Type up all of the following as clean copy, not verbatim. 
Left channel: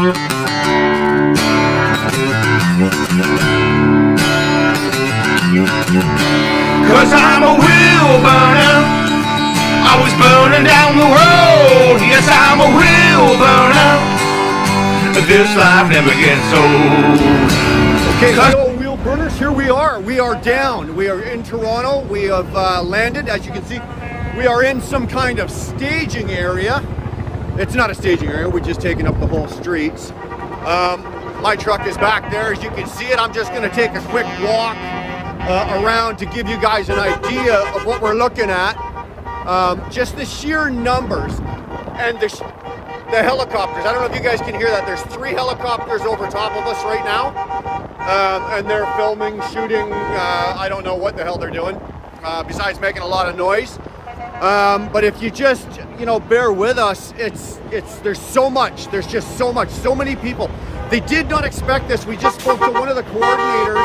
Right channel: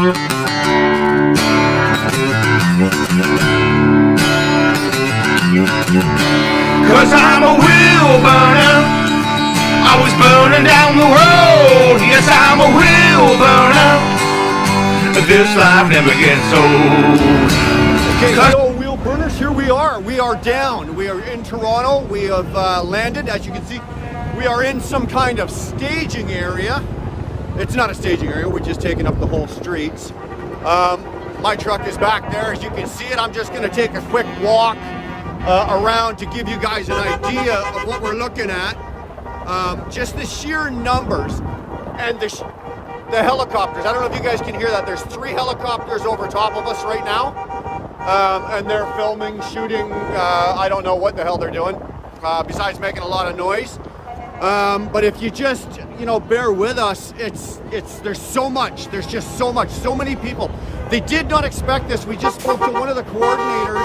Cause I'm a wheel burner. I was burning down the road. Yes, I'm a wheel burner. This life never gets old. Okay, so wheel burners, here we are. We are down. We are in Toronto. We have landed. As you can see, we are in some kind of staging area. It's not a staging area. We're just taking up the whole streets. My truck is back there. As you can see it, I'm just going to take a quick walk around to give you guys an idea of what we're looking at. Just the sheer numbers and the helicopters. I don't know if you guys can hear that. There's 3 helicopters over top of us right now. And they're filming, shooting, I don't know what the hell they're doing, besides making a lot of noise. But if you just, bear with us, there's so much, there's just so much, so many people. They did not expect this. We just spoke to one of the coordinators.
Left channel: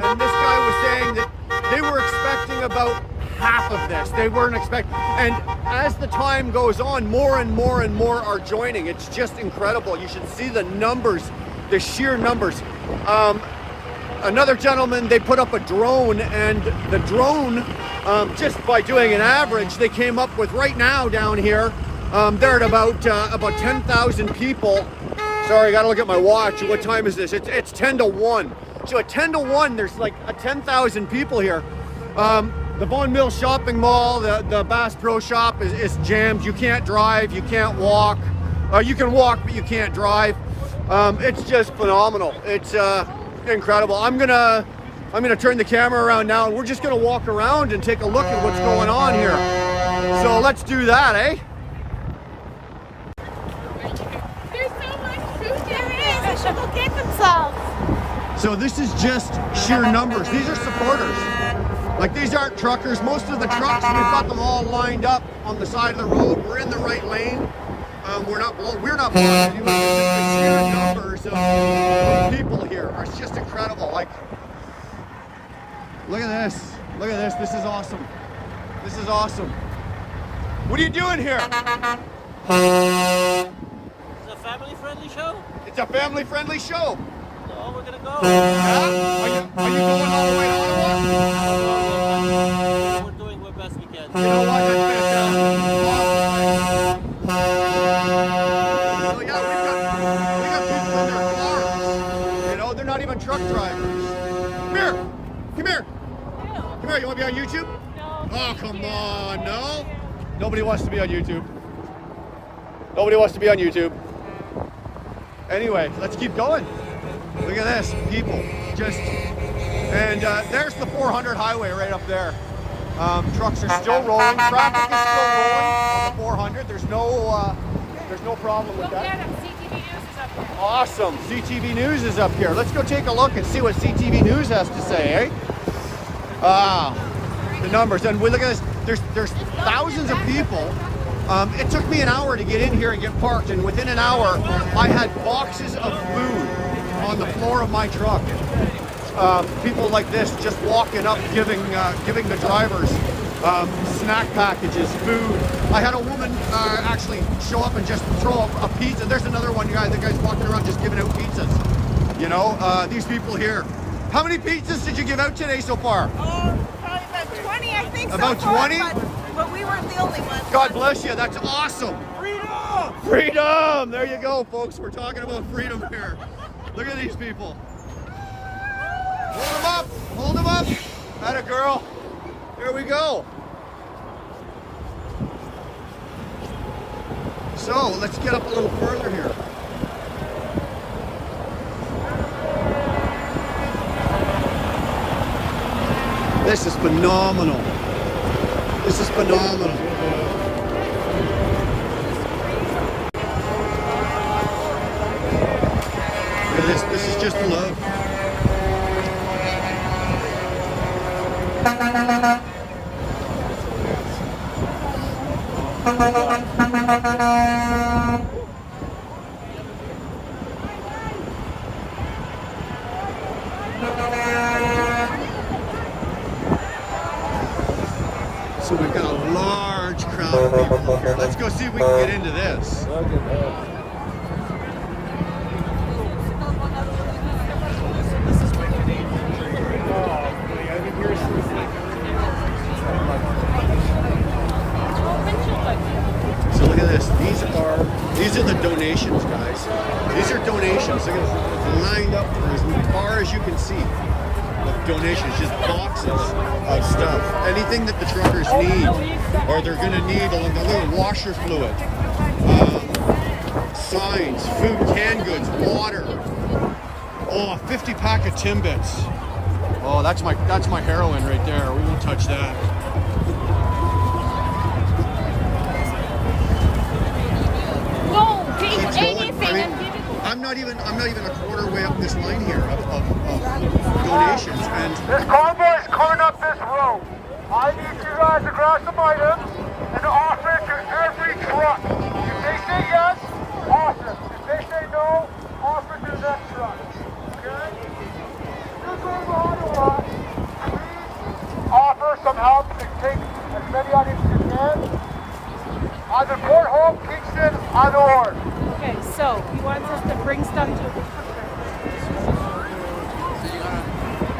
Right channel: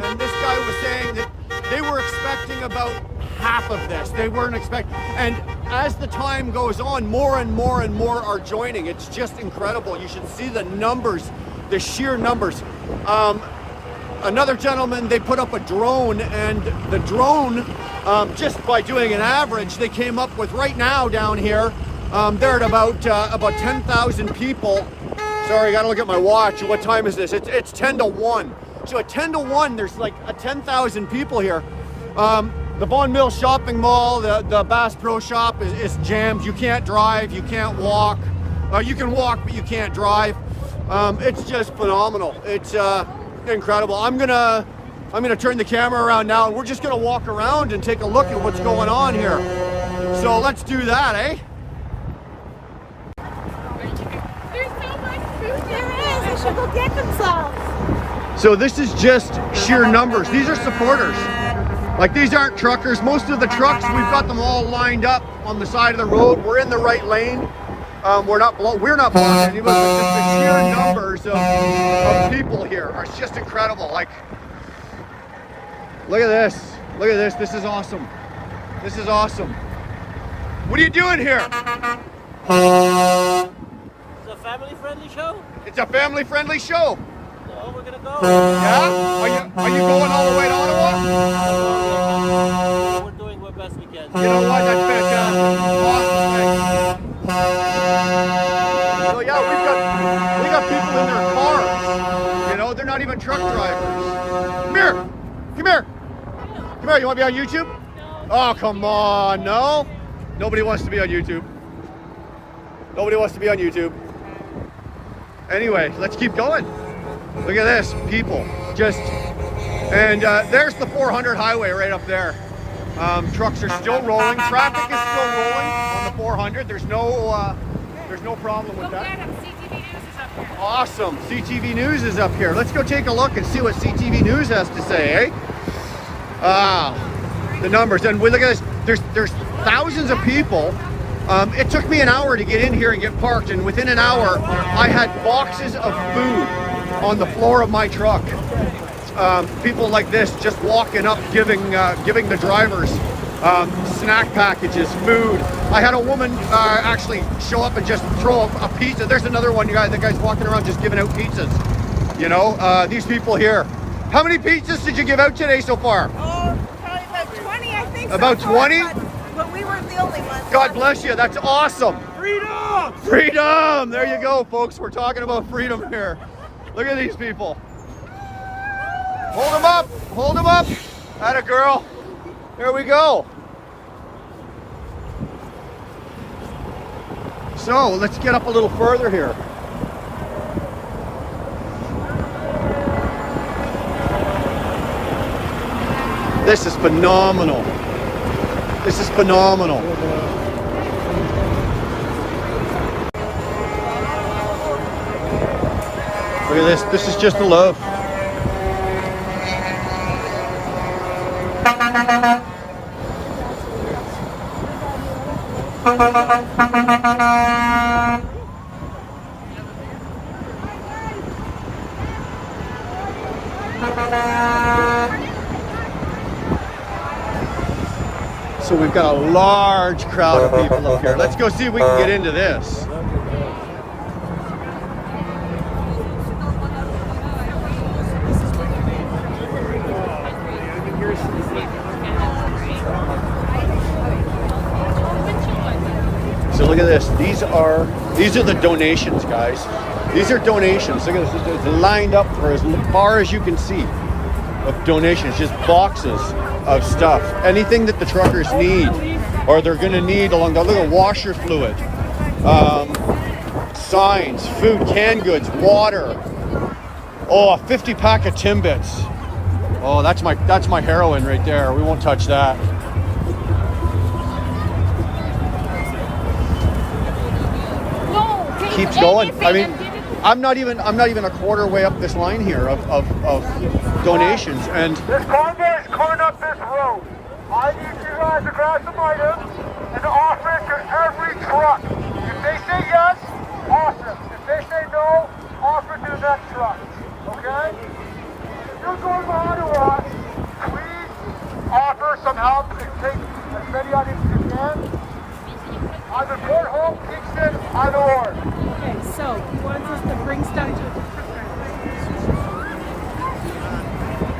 And this guy was saying that they were expecting about half of this. They weren't expecting, and as the time goes on, more and more and more are joining. It's just incredible. You should see the numbers, the sheer numbers. Another gentleman, they put up a drone, and the drone, just by doing an average, they came up with right now down here, they're at about 10,000 people. Sorry, I gotta look at my watch. What time is this? It's 10 to 1. So at 10 to 1, there's like 10,000 people here. The Vaughan Mills Shopping Mall, the Bass Pro Shop is jammed. You can't drive, you can't walk. You can walk, but you can't drive. It's just phenomenal. It's incredible. I'm gonna turn the camera around now, and we're just gonna walk around and take a look at what's going on here. So let's do that, eh? There's so much food here. They should go get themselves. So this is just sheer numbers. These are supporters. Like, these aren't truckers. Most of the trucks, we've got them all lined up on the side of the road. We're in the right lane. We're not blocking anyone, but just the sheer numbers of people here are just incredible. Like, look at this. Look at this. This is awesome. This is awesome. What are you doing here? It's a family-friendly show. It's a family-friendly show. So we're gonna go. Yeah? Are you going all the way to Ottawa? I don't know yet, but we're doing our best we can. You know what? That's fantastic. Awesome. Thanks. So yeah, we got people in their cars. They're not even truck drivers. Come here. Come here. Come here. You want to be on YouTube? No. Oh, come on. No? Nobody wants to be on YouTube. Nobody wants to be on YouTube. Anyway, let's keep going. Look at this, people, and there's the 400 highway right up there. Trucks are still rolling, traffic is still rolling on the 400. There's no problem with that. Awesome, CTV News is up here. Let's go take a look and see what CTV News has to say, eh? The numbers, and look at this, there's thousands of people. It took me an hour to get in here and get parked, and within an hour, I had boxes of food on the floor of my truck. People like this just walking up, giving the drivers snack packages, food. I had a woman actually show up and just throw a pizza. There's another one, the guy's walking around just giving out pizzas. These people here. How many pizzas did you give out today so far? Oh, probably about 20, I think. About 20? But we weren't the only ones. God bless you. That's awesome. Freedom! Freedom! There you go, folks. We're talking about freedom here. Look at these people. Hold them up. Hold them up. Atta girl. There we go. So let's get up a little further here. This is phenomenal. This is phenomenal. Look at this. This is just a loaf. So we've got a large crowd of people up here. Let's go see if we can get into this. So look at this. These are the donations, guys. These are donations. Look at this. It's lined up for as far as you can see of donations. Just boxes of stuff. Anything that the truckers need, or they're going to need along the. Look at washer fluid, signs, food, canned goods, water. Oh, a 50 pack of Timbits. Oh, that's my heroin right there. We won't touch that. Keeps going. I mean, I'm not even a quarter way up this line here of donations, and this convoy is coming up this road. I need you guys to grab some items and offer it to every truck. If they say yes, offer it. If they say no, offer it to the next truck. Okay? If you're going to Ottawa, please offer some help and take as many items as you can. Either Port Hope, Kingston, either or. Okay, so he wants us to bring stuff to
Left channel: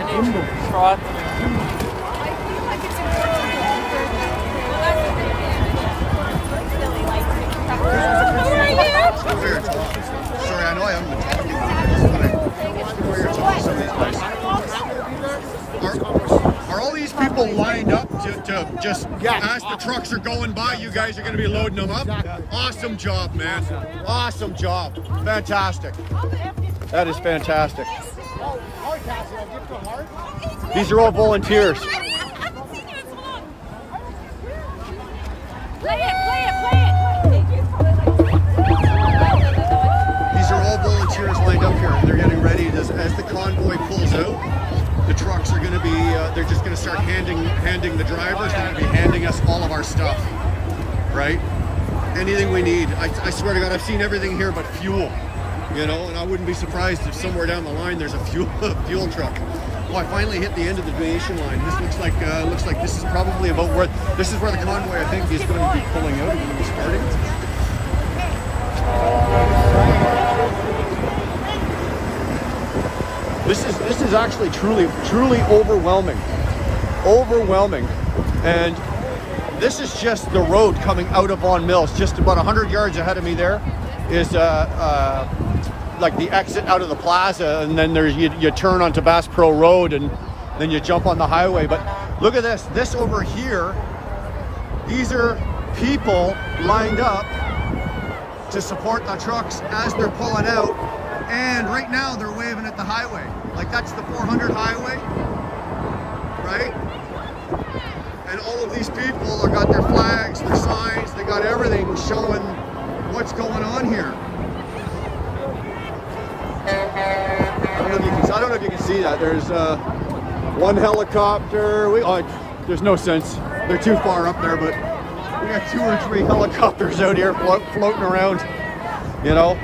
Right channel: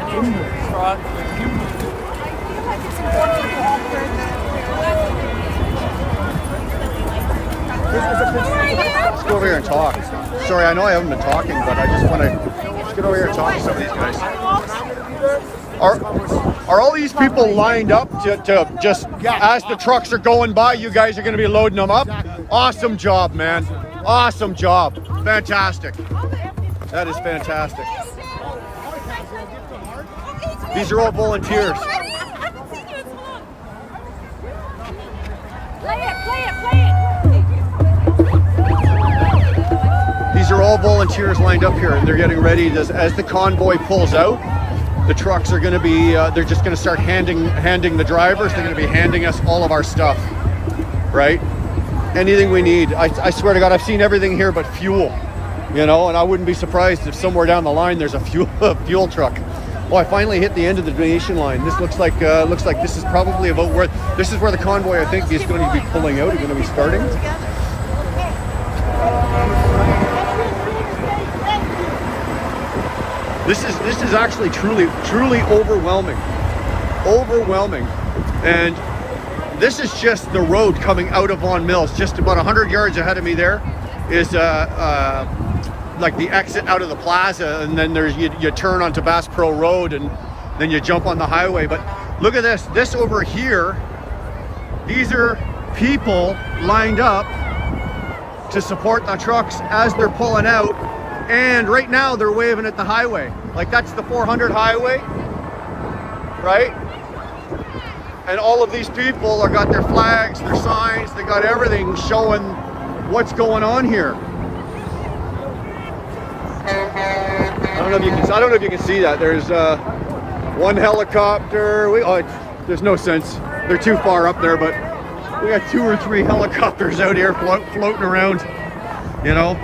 I feel like it's important. let's go over here and talk. Sorry, I know I haven't been talking, but I just want to get over here and talk to some of these guys. Are all these people lined up to just, as the trucks are going by, you guys are going to be loading them up? Exactly. Awesome job, man. Awesome job. Fantastic. That is fantastic. These are all volunteers. I haven't seen you in so long. Play it. These are all volunteers lined up here, and they're getting ready as the convoy pulls out. The trucks are going to be, they're just going to start handing the drivers, they're going to be handing us all of our stuff, right? Anything we need. I swear to God, I've seen everything here but fuel, you know, and I wouldn't be surprised if somewhere down the line there's a fuel truck. Oh, I finally hit the end of the donation line. This looks like this is probably about where, this is where the convoy I think is going to be pulling out, is going to be starting. This is actually truly overwhelming, and this is just the road coming out of Vaughan Mills. Just about 100 yards ahead of me there is like the exit out of the plaza, and then there's you turn onto Bass Pro Road, and then you jump on the highway. But look at this over here. These are people lined up to support the trucks as they're pulling out. And right now they're waving at the highway. Like that's the 400 highway, right? And all of these people got their flags, their signs, they got everything showing what's going on here. I don't know if you can see that. There's one helicopter. There's no sense. They're too far up there, but we got 2 or 3 helicopters out here floating around, you know.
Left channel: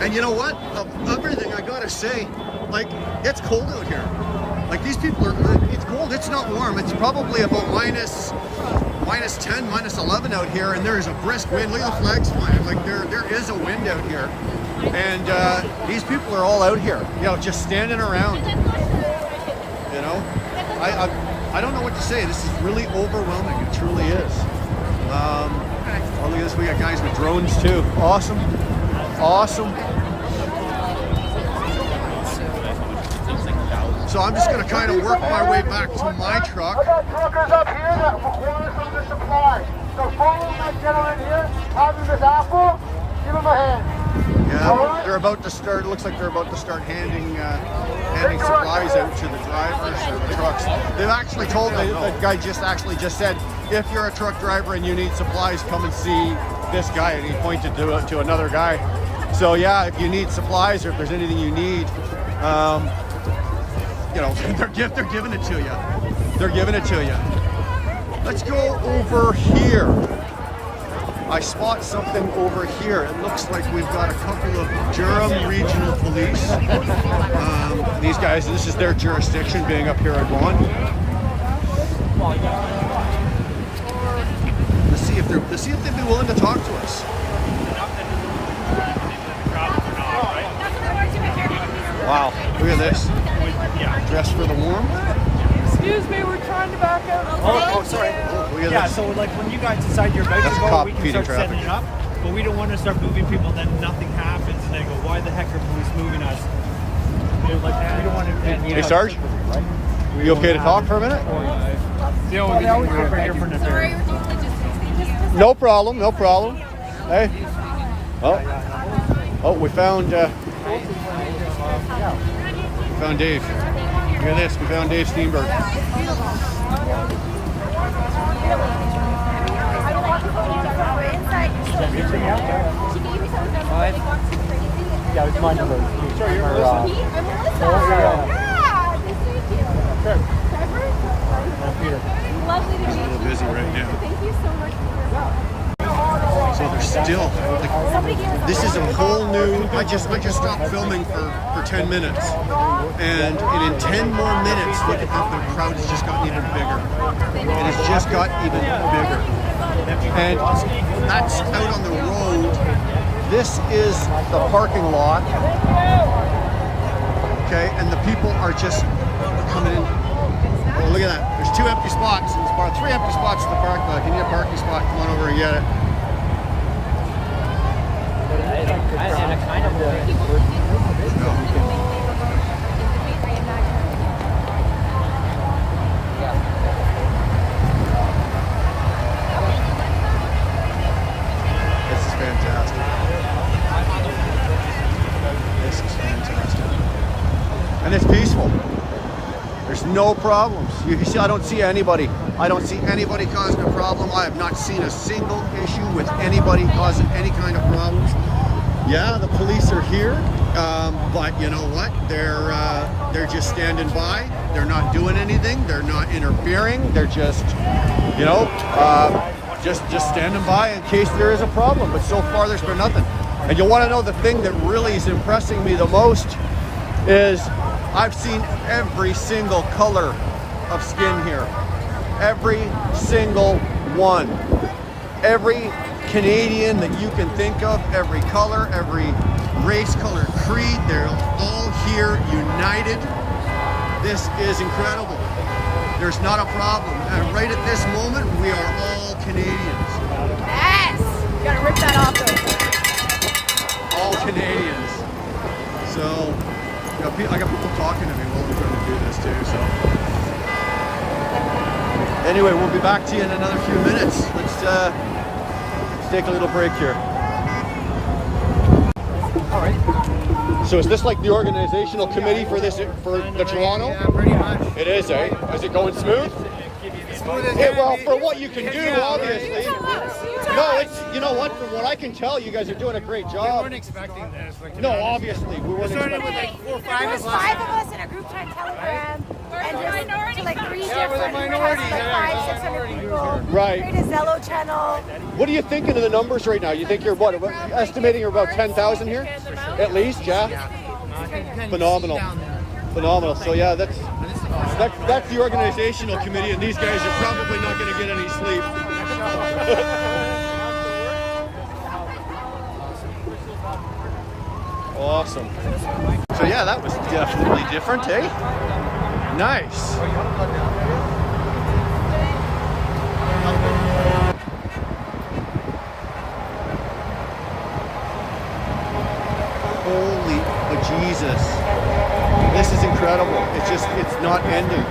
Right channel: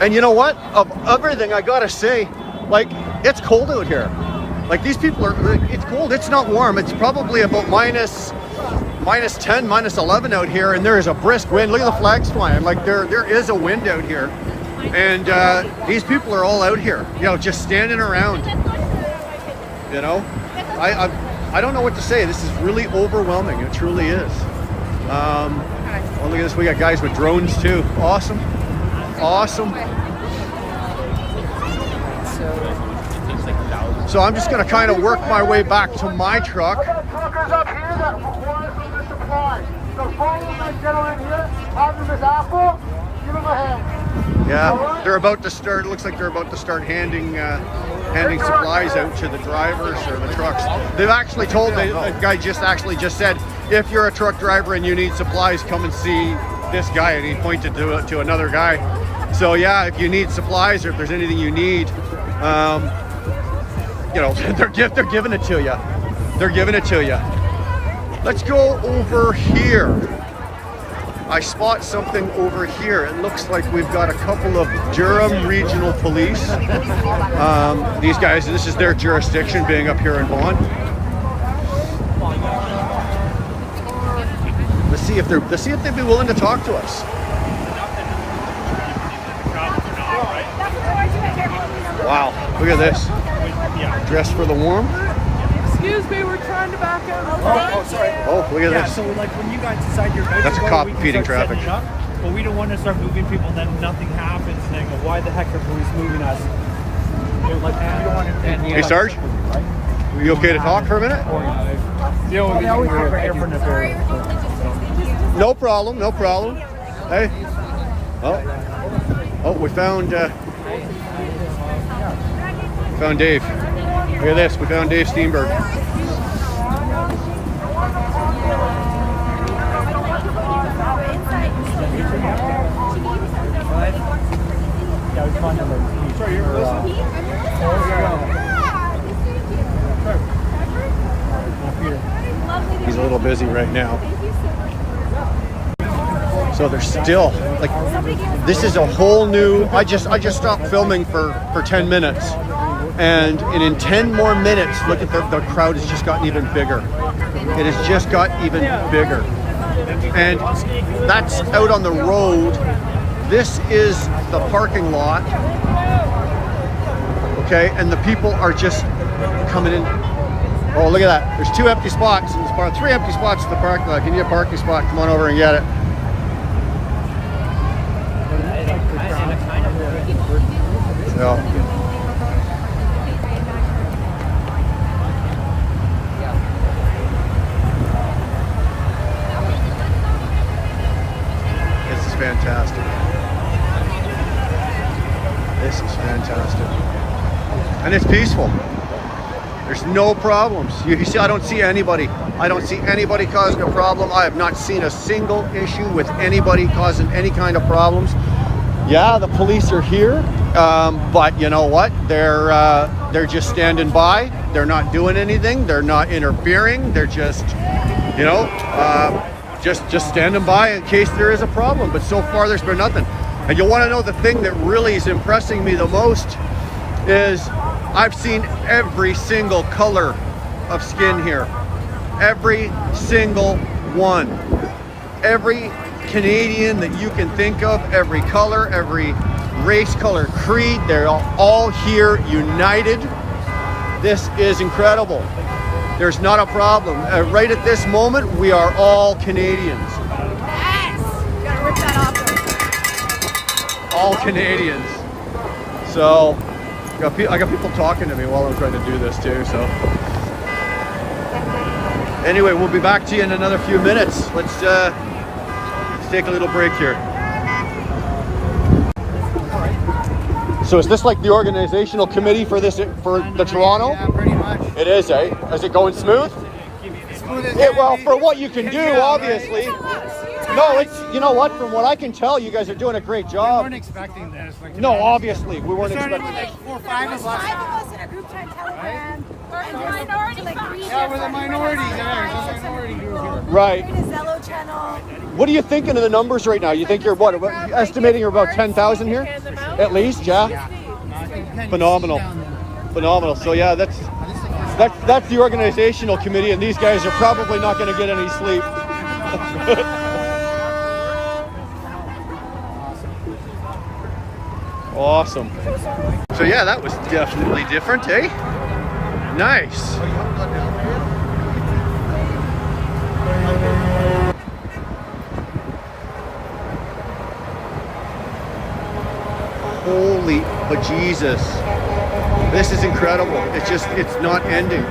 And you know what? Of everything, I gotta say, like, it's cold out here. Like, these people it's cold, it's not warm. It's probably about minus 10, minus 11 out here, and there is a brisk wind. Look at the flags flying. Like, there is a wind out here. And these people are all out here, you know, just standing around. You know? I don't know what to say. This is really overwhelming. It truly is. Well, look at this. We got guys with drones, too. Awesome. So I'm just going to kind of work my way back to my truck. We got truckers up here that require some of the supply. So follow that gentleman here, have him his apple, give him a hand. Yeah, they're about to start. It looks like they're about to start handing supplies out to the drivers or the trucks. They've actually told, the guy just said, if you're a truck driver and you need supplies, come and see this guy, and he pointed to another guy. So yeah, if you need supplies or if there's anything you need, you know, they're giving it to you. They're giving it to you. Let's go over here. I spot something over here. It looks like we've got a couple of Durham Regional Police. These guys, this is their jurisdiction, being up here in Vaughan. Let's see if they'd be willing to talk to us. Wow, look at this. Dressed for the warm. Excuse me, we're trying to back up. Oh, sorry. Oh, look at Yeah, this. so like when you guys decide you're ready That's to a go, cop we can feeding start traffic. setting it up, but we don't want to start moving people and then nothing happens and then go, why the heck are police moving us? We don't want to. Hey, Sarge, are you okay to talk for a minute? Deal with these over here. Thank you. Sorry, we're doing logistics. Thank you. No problem, no problem. Hey. Oh, we found Dave. Look at this, we found Dave Steenberg. Yeah, it's my number. He's a little busy right now. So they're still like, this is a whole new. I just stopped filming for 10 minutes, and in 10 more minutes, look at the crowd has just gotten even bigger. It has just got even bigger, and that's out on the road. This is the parking lot. Okay, and the people are just coming in. Oh, look at that. There's 2 empty spots. There's about 3 empty spots in the parking lot. If you need a parking spot, come on over and get it. So, this is fantastic. This is fantastic. And it's peaceful. There's no problems. You see, I don't see anybody. I don't see anybody causing a problem. I have not seen a single issue with anybody causing any kind of problems. Yeah, the police are here, but you know what? They're just standing by. They're not doing anything. They're not interfering. They're just, you know, just standing by in case there is a problem. But so far, there's been nothing. And you want to know the thing that really is impressing me the most is I've seen every single color of skin here. Every single one. Every Canadian that you can think of, every color, every race, color, creed, they're all here united. This is incredible. There's not a problem. Right at this moment, we are all Canadians. Yes! Gotta rip that off. All Canadians. So, I got people talking to me while I'm trying to do this too, so. Anyway, we'll be back to you in another few minutes. Let's take a little break here. So is this like the organizational committee for this, for the Toronto? Yeah, pretty much. It is, eh? Is it going smooth? Smooth as Yeah, can well, be. for what you can do, Yeah, obviously. No, it's, you know what? From what I can tell, you guys are doing a great We job. weren't expecting this. Like, to No, be honest. obviously, we We weren't started expecting. with like 4 or 5 of us. Five of us in a group chat Telegram. And there's like 3 Yeah, we're the different minority. groups, Yeah, like the 5, 6 minority different group people. here. Right. Create a Zello channel. What are you thinking of the numbers right now? You think you're what? Estimating you're about 10,000 here? At least, yeah? Yeah. I think you can Phenomenal. see down there. Phenomenal. So yeah, that's This is the first time. that's the organizational committee, and these guys are probably not going to get any sleep. Awesome. So yeah, that was definitely different, eh? Nice. Holy bejesus. This is incredible. It's not ending.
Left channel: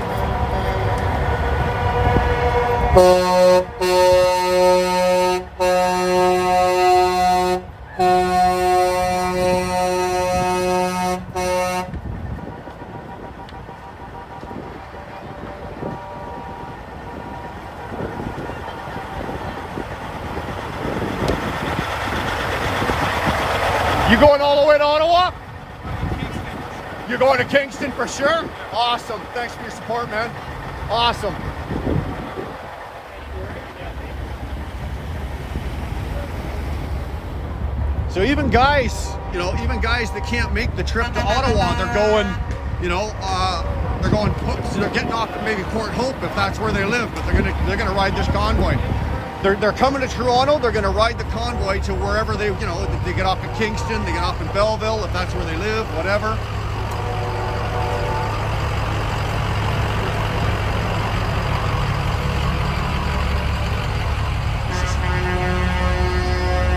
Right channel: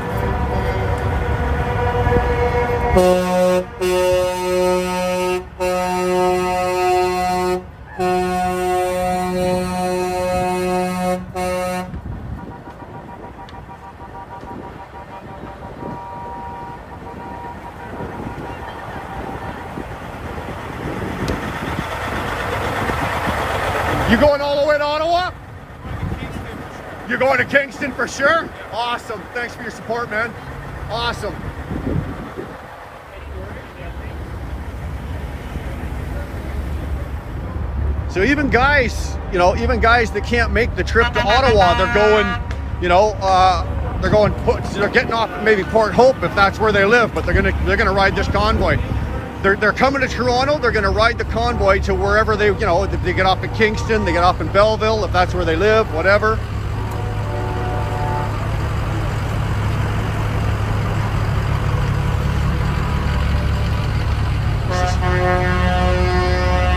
You going all the way to Ottawa? You're going to Kingston for sure? Awesome. Thanks for your support, man. Awesome. So even guys, you know, even guys that can't make the trip to Ottawa, they're going, you know, they're getting off at maybe Port Hope if that's where they live, but they're gonna ride this convoy. They're coming to Toronto. They're gonna ride the convoy to wherever they, you know, they get off in Kingston, they get off in Belleville if that's where they live, whatever.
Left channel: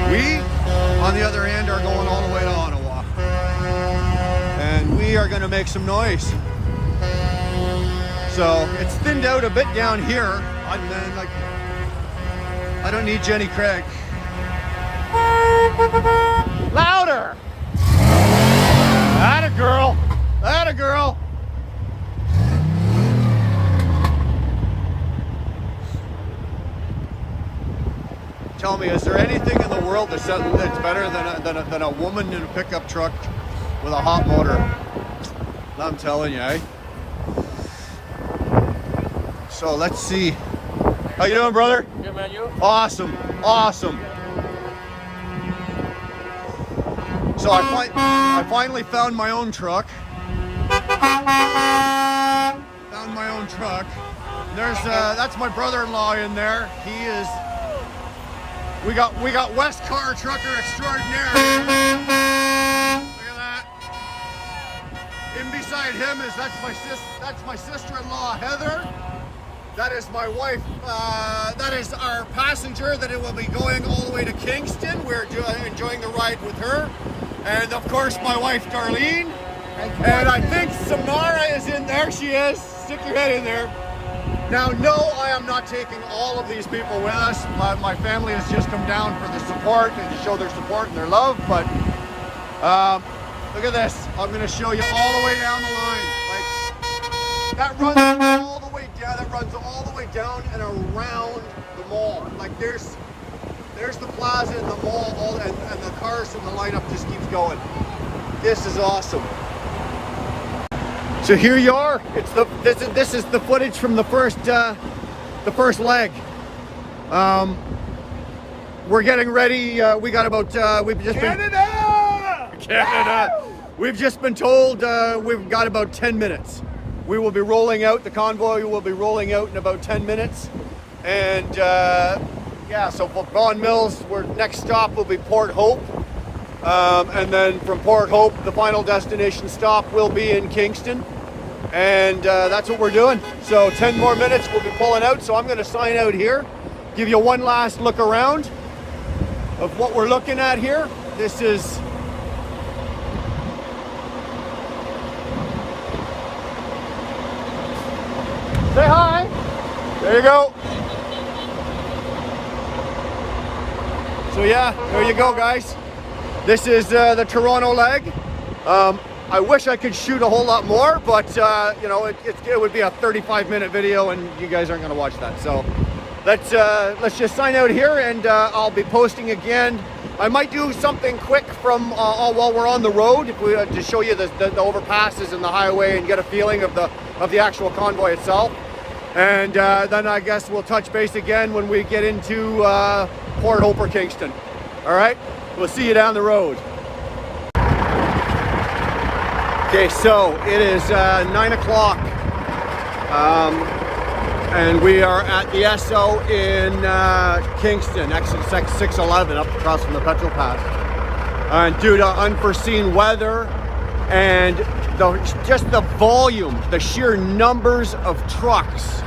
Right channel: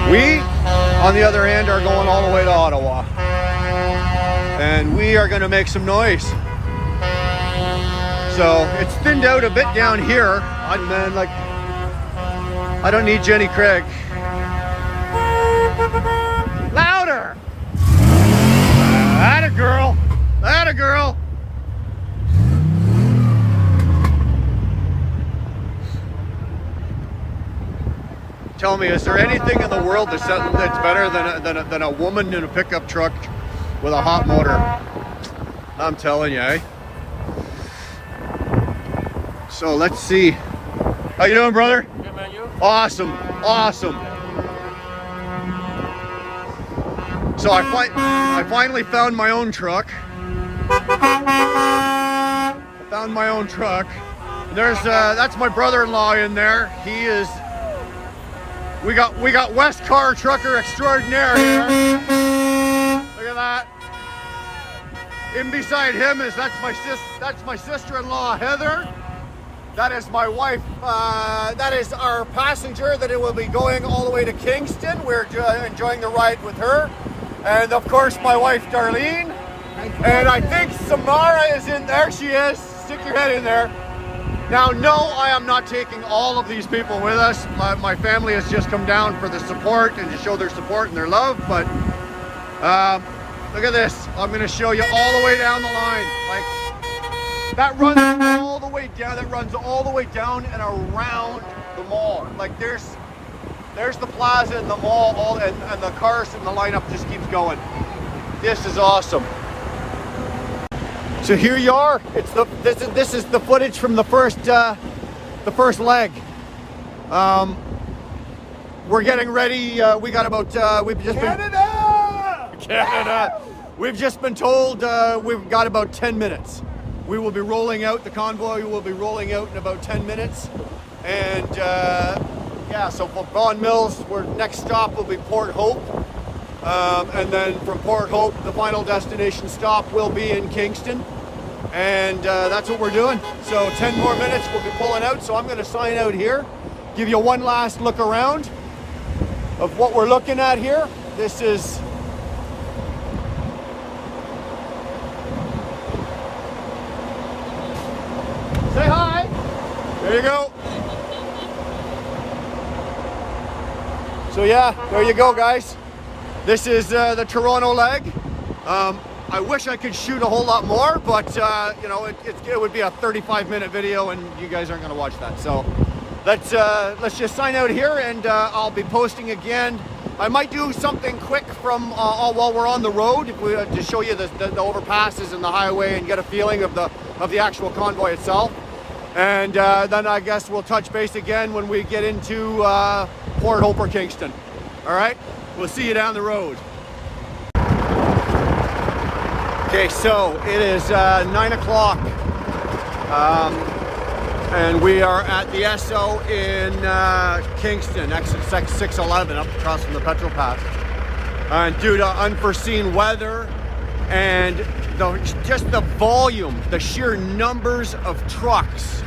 We, on the other hand, are going all the way to Ottawa. And we are gonna make some noise. So it's thinned out a bit down here. And then, like, I don't need Jenny Craig. Louder! Atta girl! Atta girl! Tell me, is there anything in the world that's better than a woman in a pickup truck with a hot motor? I'm telling you, eh? So let's see. How you doing, brother? Good, man, you? Awesome, awesome. So I finally found my own truck. Found my own truck. There's that's my brother-in-law in there. He is. We got West Car Trucker Extraordinaire here. Look at that. In beside him is that's my sister-in-law Heather. That is my wife. That is our passenger that it will be going all the way to Kingston. We're enjoying the ride with her, and of course my wife Darlene. And I think Samara is in there. She is. Stick your head in there. Now, no, I am not taking all of these people with us. My family has just come down for the support and to show their support and their love, but look at this. I'm going to show you all the way down the line. Like, that runs all the way down. That runs all the way down and around the mall. Like, there's the plaza and the mall, and the cars and the lineup just keeps going. This is awesome. So here you are. This is the footage from the first leg. We're getting ready. We got about we've just Canada. We've just been told we've got about 10 minutes. We will be rolling out. The convoy will be rolling out in about 10 minutes. And yeah, so for Vaughan Mills, our next stop will be Port Hope. And then from Port Hope, the final destination stop will be in Kingston. And that's what we're doing. So 10 more minutes, we'll be pulling out. So I'm going to sign out here, give you one last look around of what we're looking at here. This is say hi. There you go. So yeah, there you go, guys. This is the Toronto leg. I wish I could shoot a whole lot more, but you know, it would be a 35-minute video, and you guys aren't going to watch that. So let's just sign out here, and I'll be posting again. I might do something quick from while we're on the road, if we to show you the overpasses and the highway and get a feeling of the actual convoy itself. And then I guess we'll touch base again when we get into Port Hope or Kingston. All right, we'll see you down the road. Okay, so it is 9 o'clock, and we are at the Esso in Kingston, exit 611, up across from the Petrol Pass. And due to unforeseen weather and just the volume, the sheer numbers of trucks,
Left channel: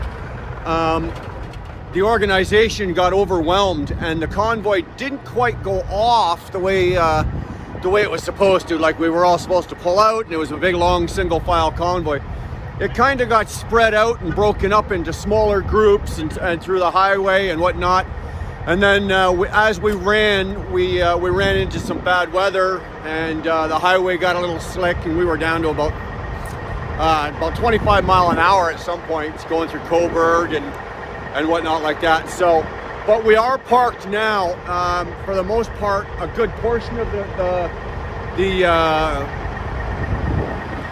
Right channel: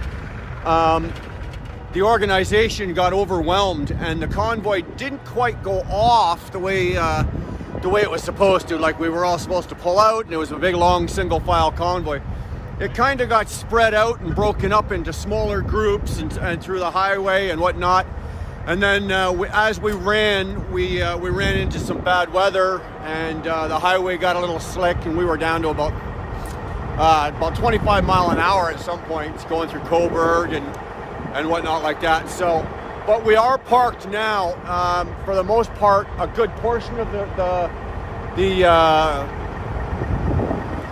the organization got overwhelmed, and the convoy didn't quite go off the way it was supposed to. Like, we were all supposed to pull out, and it was a big long single file convoy. It kind of got spread out and broken up into smaller groups and through the highway and whatnot. And then as we ran, we ran into some bad weather, and the highway got a little slick, and we were down to about 25 mile an hour at some points, going through Coburg and whatnot like that. So, but we are parked now. For the most part, a good portion of the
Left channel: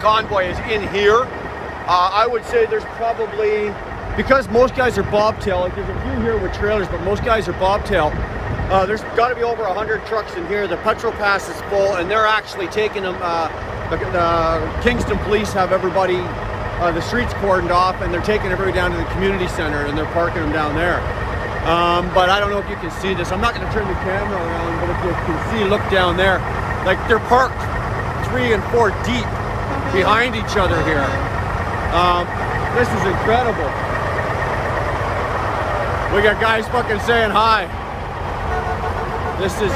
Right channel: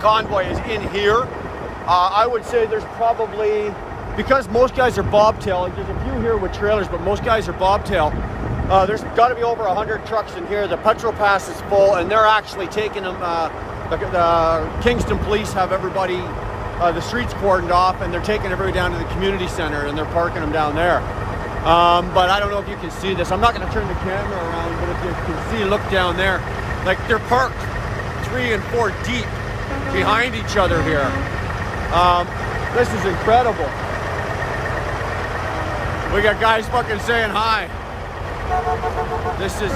convoy is in here. I would say there's probably, because most guys are bobtail, like there's a few here with trailers, but most guys are bobtail. There's got to be over 100 trucks in here. The petrol pass is full, and they're actually taking them. The Kingston police have everybody, the streets cordoned off, and they're taking everybody down to the community center, and they're parking them down there. But I don't know if you can see this. I'm not going to turn the camera around, but if you can see, look down there. Like, they're parked 3 and 4 deep behind each other here. This is incredible. We got guys fucking saying hi. This is,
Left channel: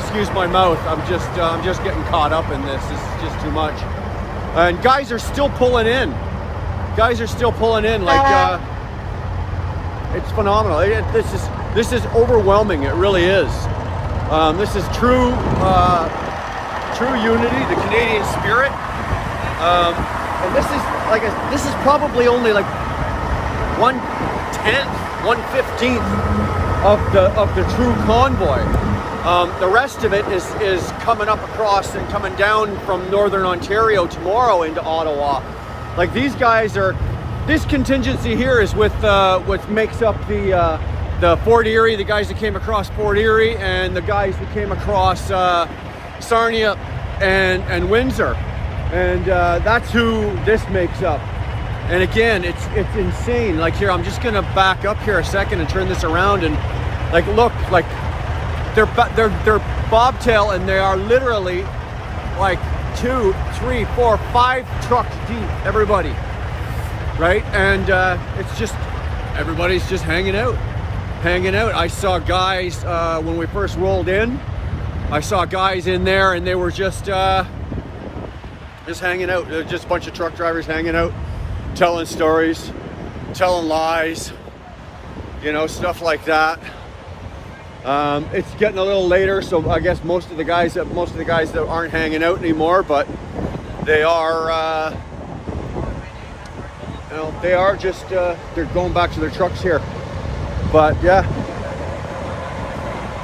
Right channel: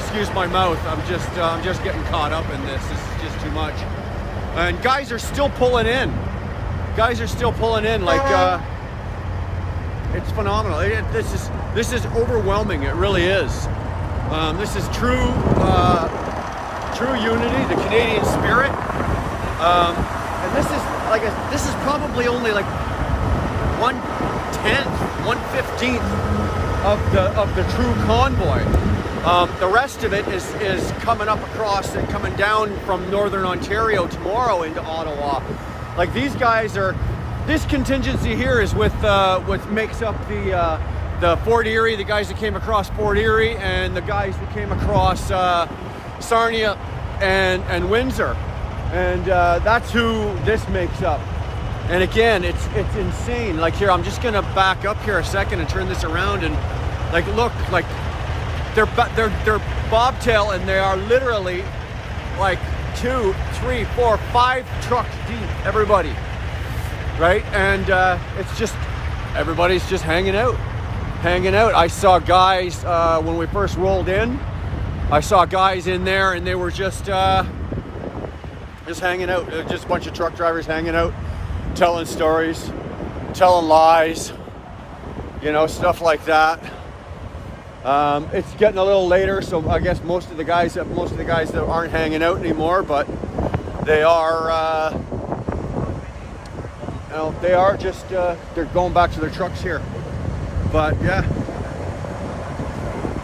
excuse my mouth. I'm just getting caught up in this. This is just too much. And guys are still pulling in. Guys are still pulling in. Like, it's phenomenal. This is overwhelming. It really is. This is true unity, the Canadian spirit. And this is probably only like 1/10, 1/15 of the true convoy. The rest of it is coming up across and coming down from Northern Ontario tomorrow into Ottawa. Like, these guys are, this contingency here is with what makes up the Fort Erie, the guys that came across Fort Erie, and the guys that came across Sarnia and Windsor. And that's who this makes up. And again, it's insane. Like, here, I'm just gonna back up here a second and turn this around, and like, look, like they're bobtail, and they are literally like 2, 3, 4, 5 trucks deep, everybody, right? And it's just, everybody's just hanging out. I saw guys when we first rolled in. I saw guys in there, and they were just hanging out. Just a bunch of truck drivers hanging out, telling stories, telling lies, you know, stuff like that. It's getting a little later, so I guess most of the guys that aren't hanging out anymore, but they are, you know, they are just they're going back to their trucks here. But yeah,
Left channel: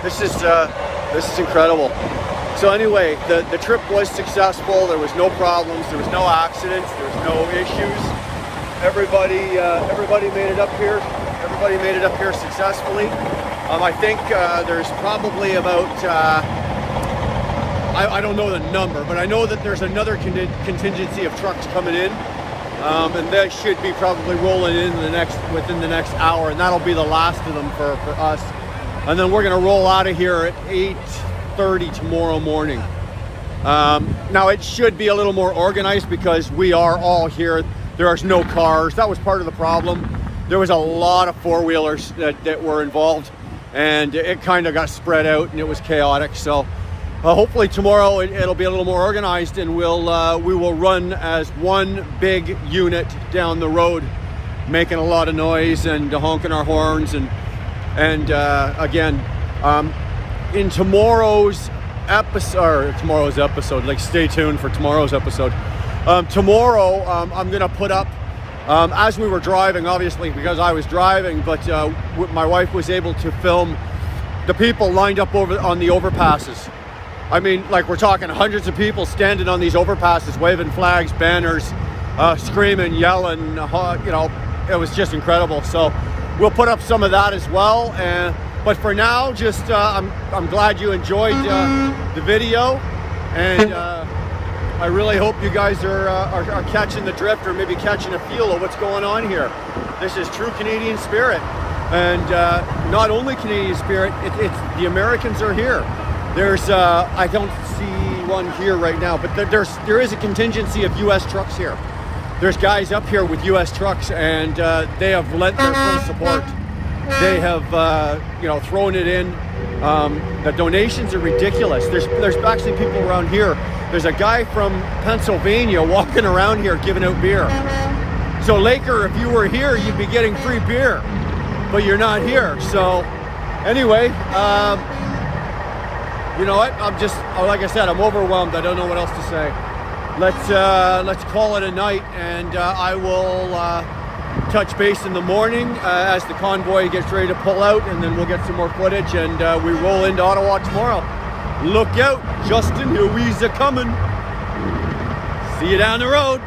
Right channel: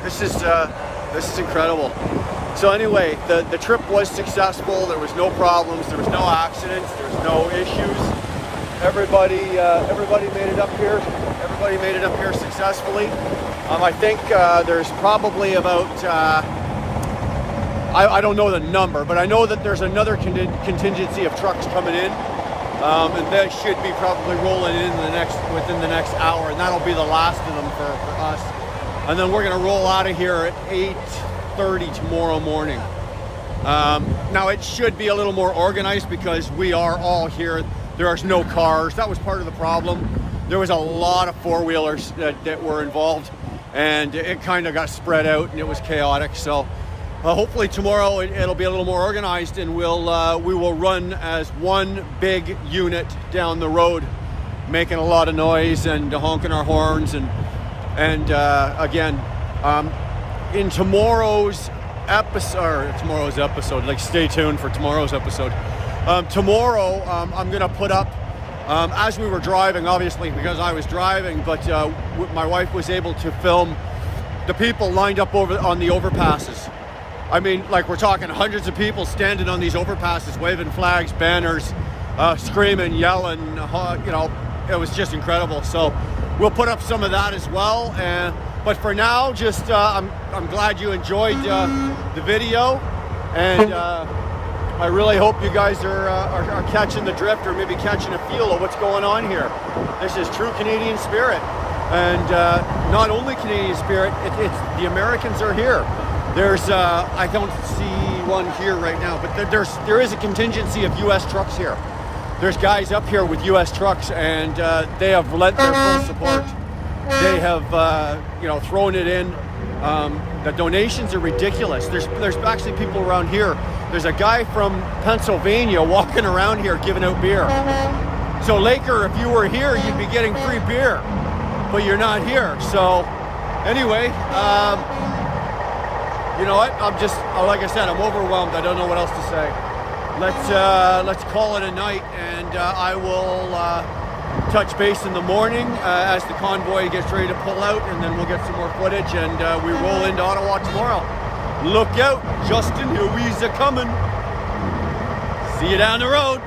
this is incredible. So anyway, the trip was successful. There was no problems. There was no accidents. There was no issues. Everybody made it up here. Everybody made it up here successfully. I think there's probably about I don't know the number, but I know that there's another contingency of trucks coming in, and they should be probably rolling in within the next hour, and that'll be the last of them for us. And then we're gonna roll out of here at 8:30 tomorrow morning. Now, it should be a little more organized because we are all here. There are no cars. That was part of the problem. There was a lot of four-wheelers that were involved, and it kind of got spread out, and it was chaotic. So hopefully tomorrow it'll be a little more organized, and we will run as one big unit down the road, making a lot of noise and honking our horns. And again, in tomorrow's episode, like, stay tuned for tomorrow's episode. Tomorrow, I'm gonna put up, as we were driving, obviously because I was driving, but my wife was able to film the people lined up on the overpasses. I mean, like, we're talking hundreds of people standing on these overpasses, waving flags, banners, screaming, yelling, you know, it was just incredible. So we'll put up some of that as well. But for now, just I'm glad you enjoyed the video, and I really hope you guys are catching the drift, or maybe catching a feel of what's going on here. This is true Canadian spirit, and not only Canadian spirit. It's the Americans are here. There's I don't see one here right now, but there is a contingency of U.S. trucks here. There's guys up here with U.S. trucks, and they have lent their full support. They have, you know, thrown it in. The donations are ridiculous. There's actually people around here. There's a guy from Pennsylvania walking around here giving out beer. So Laker, if you were here, you'd be getting free beer, but you're not here. So anyway, you know what? Like I said, I'm overwhelmed. I don't know what else to say. Let's call it a night, and I will touch base in the morning as the convoy gets ready to pull out, and then we'll get some more footage, and we roll into Ottawa tomorrow. Look out, Justin, here we's a coming. See you down the road.